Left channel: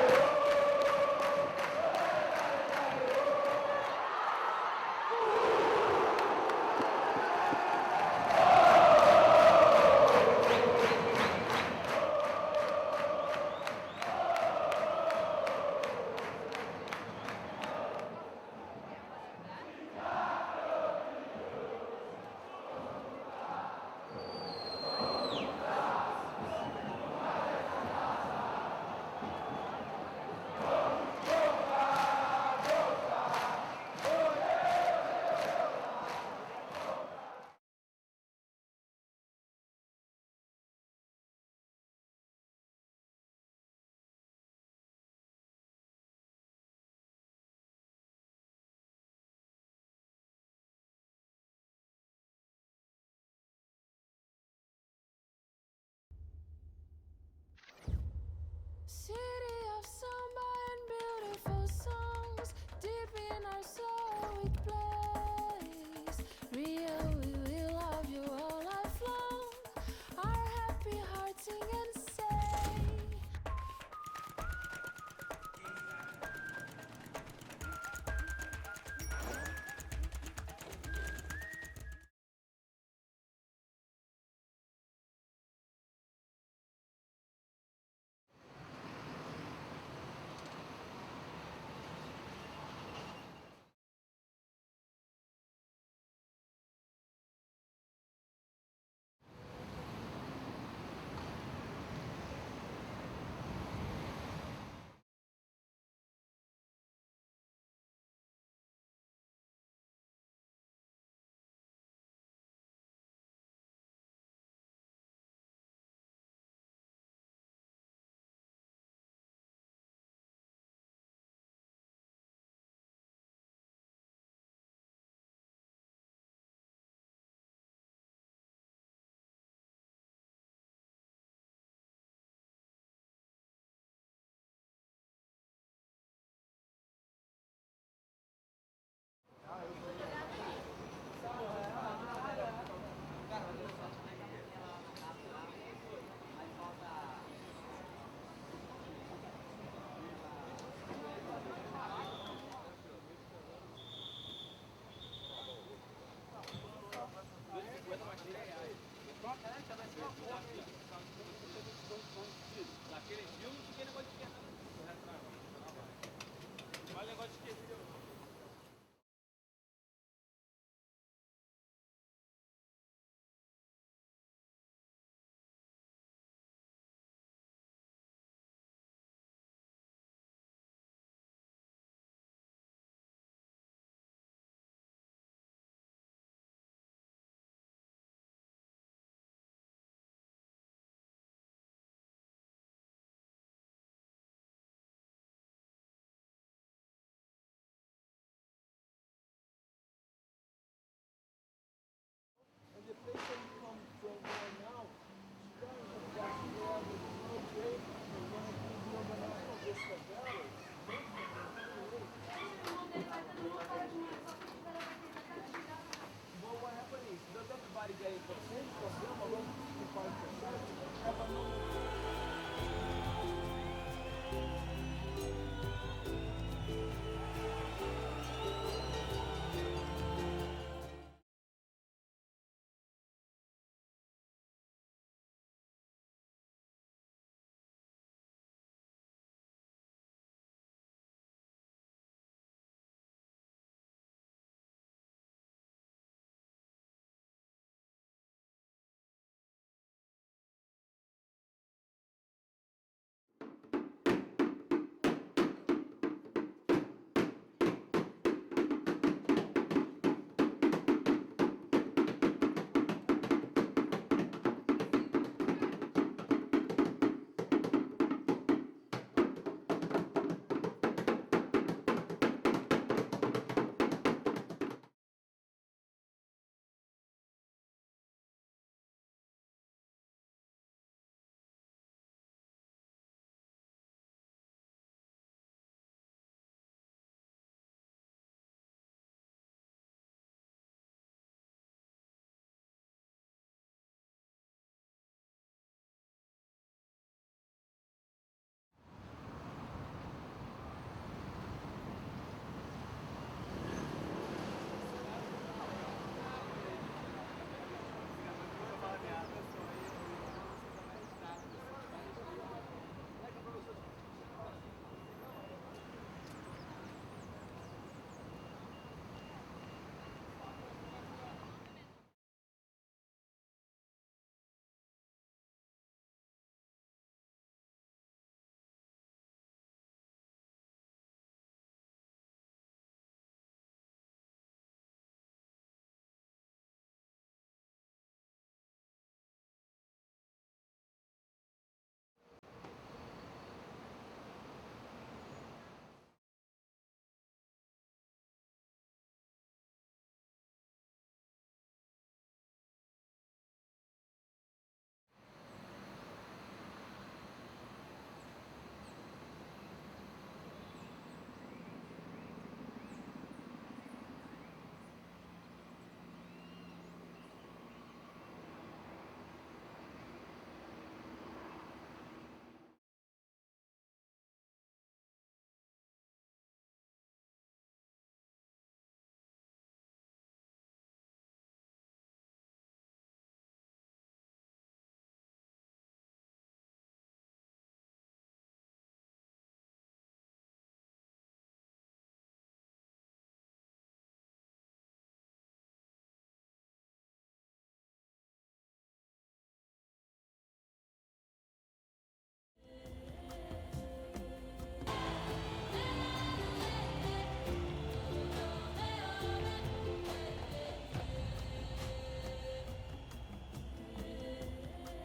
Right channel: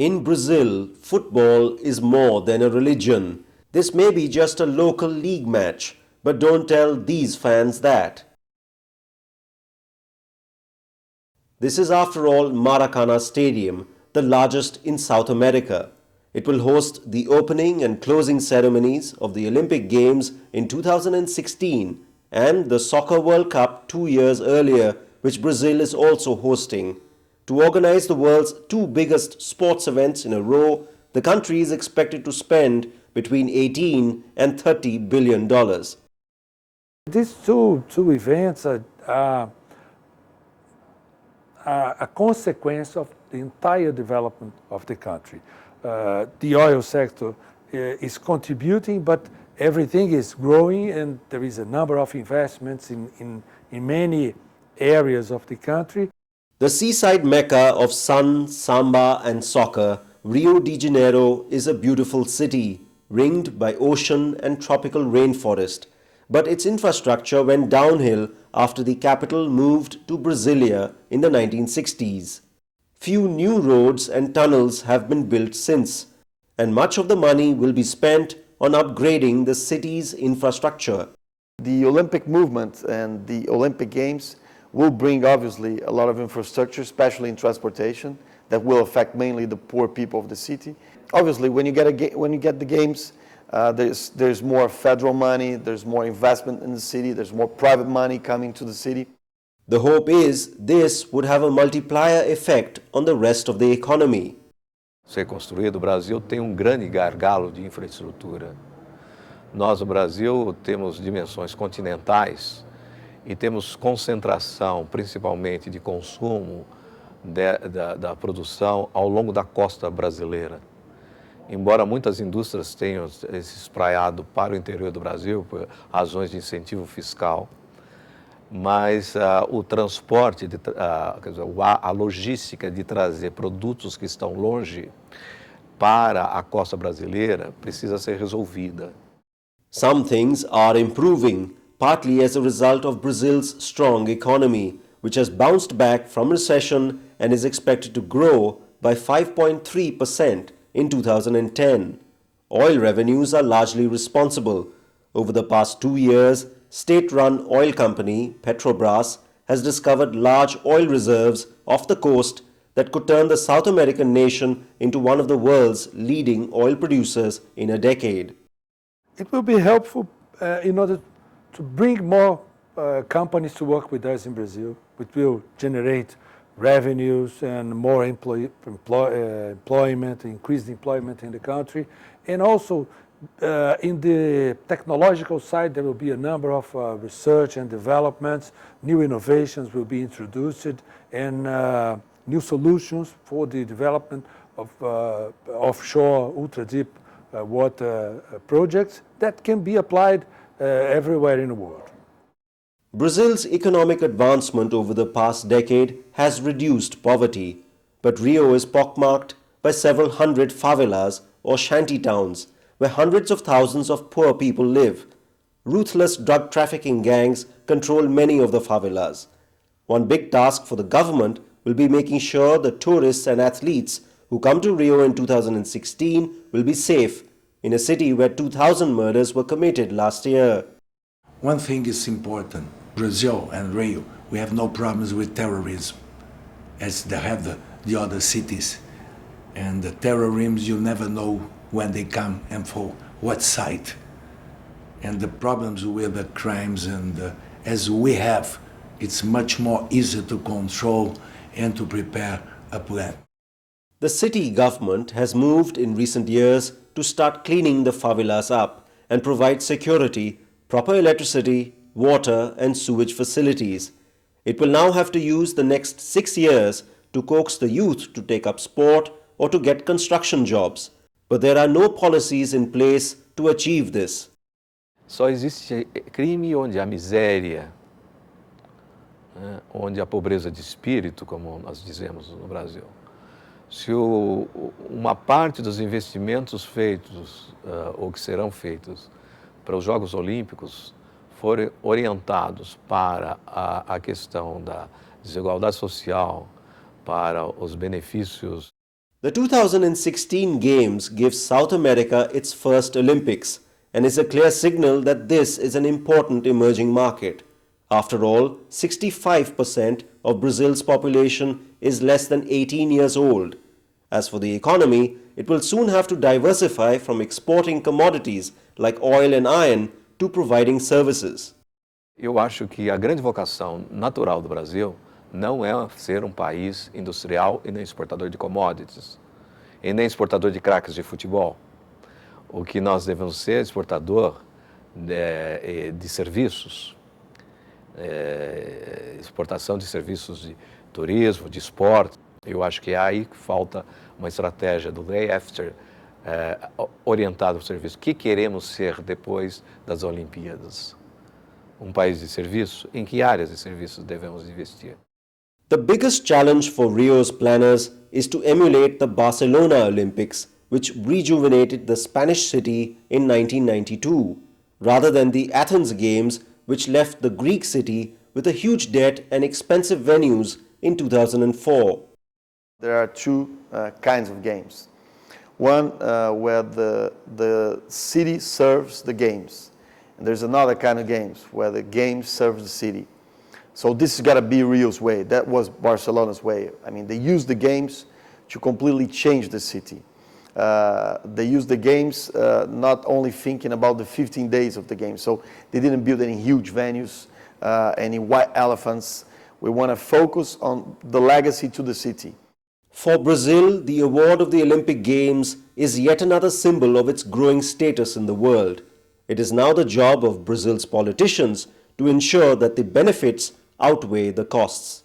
In Brazil, football is more than a religion. This may be just a local league match, but don't tell these fans that. This is after all Maracana Stadium, the largest in South America. It will host the opening and closing ceremonies of the Olympic Games in 2016 and the Soccer World Cup 2 years earlier, which Brazil is also hosting. To organize the world's two biggest sports events in a row, the country is expected to spend between 18 and $30 billion. These two events are a consequence of the entire development of the country. The oil sector is contributing, but everything is growing, and there is a number of investments in many areas of the country. The seaside mecca of sun, samba and soccer, Rio de Janeiro is a beautiful city, ringed by ocean and tropical rainforest. But its infrastructure went downhill after the capital moved to Brasilia in the 1960s. Few new roads and tunnels have been built since, and much of the money will be spent on upgrading the city's infrastructure. The Olympic movement and the Olympic Games will bring obviously a lot of infrastructure, especially in transportation, that will affect mainly the poor people of the city. Obviously, when you get the games, there's more federal money, there's more investment in the city, there's more private money coming to the city. The hope is this would have a multiplier effect on the rest of the economy. Ser construído, o Brasil tem grande gargalo de infraestrutura. Nós, no Brasil, temos dimensões continentais e temos concentração, principalmente de consumo da produção ao longo da costa brasileira. Embora muitas indústrias tenham se espraiado para o interior do Brasil por razões de incentivo fiscal, mas o transporte, a logística de trazer produtos que estão longe para a costa brasileira precisa ser resolvida. Some things are improving, partly as a result of Brazil's strong economy, which has bounced back from recession and is expected to grow by 5.3% in 2010. Oil revenues are largely responsible. Over the past 2 years, state-run oil company Petrobras has discovered large oil reserves off the coast that could turn the South American nation into one of the world's leading oil producers in a decade. It will be helpful in order to bring more companies to work with us in Brazil, which will generate revenues and more employment, increased employment in the country. And also in the technological side, there will be a number of research and developments, new innovations will be introduced, and new solutions for the development of offshore ultra-deep water projects that can be applied everywhere in the world. Brazil's economic advancement over the past decade has reduced poverty, but Rio is pockmarked by several hundred favelas or shanty towns where hundreds of thousands of poor people live. Ruthless drug trafficking gangs control many of the favelas. One big task for the government will be making sure the tourists and athletes who come to Rio in 2016 will be safe in a city where 2,000 murders were committed last year. One thing is important. Brazil and Rio, we have no problems with terrorism, as they have the other cities. And the terrorism, you never know when they come and for what site. And the problems with the crimes, and as we have, it's much more easy to control and to prepare a plan. The city government has moved in recent years to start cleaning the favelas up and provide security, proper electricity, water and sewage facilities. It will now have to use the next 6 years to coax the youth to take up sport or to get construction jobs. But there are no policies in place to achieve this. Só existe crime onde há miséria, né, onde há pobreza de espírito, como nós dizemos no Brasil. Se uma parte dos investimentos feitos ou que serão feitos para os Jogos Olímpicos forem orientados para a questão da desigualdade social, para os benefícios The 2016 Games gives South America its first Olympics and is a clear signal that this is an important emerging market. After all, 65% of Brazil's population is less than 18 years old. As for the economy, it will soon have to diversify from exporting commodities like oil and iron to providing services. Eu acho que a grande vocação natural do Brasil não é ser um país industrial e nem exportador de commodities, e nem exportador de craques de futebol. O que nós devemos ser exportador de serviços, exportação de serviços de turismo, de esporte. Eu acho que é aí que falta uma estratégia do day after orientada para o serviço. O que queremos ser depois das Olimpíadas? Um país de serviço? Em que áreas de serviços devemos investir? The biggest challenge for Rio's planners is to emulate the Barcelona Olympics, which rejuvenated the Spanish city in 1992, rather than the Athens Games, which left the Greek city with a huge debt and expensive venues in 2004. There are two kinds of games. One where the city serves the games. And there's another kind of games where the game serves the city. So this has got to be Rio's way. That was Barcelona's way. I mean, they used the games to completely change the city. They used the games not only thinking about the 15 days of the game. So they didn't build any huge venues, any white elephants. We want to focus on the legacy to the city. For Brazil, the award of the Olympic Games is yet another symbol of its growing status in the world. It is now the job of Brazil's politicians to ensure that the benefits outweigh the costs.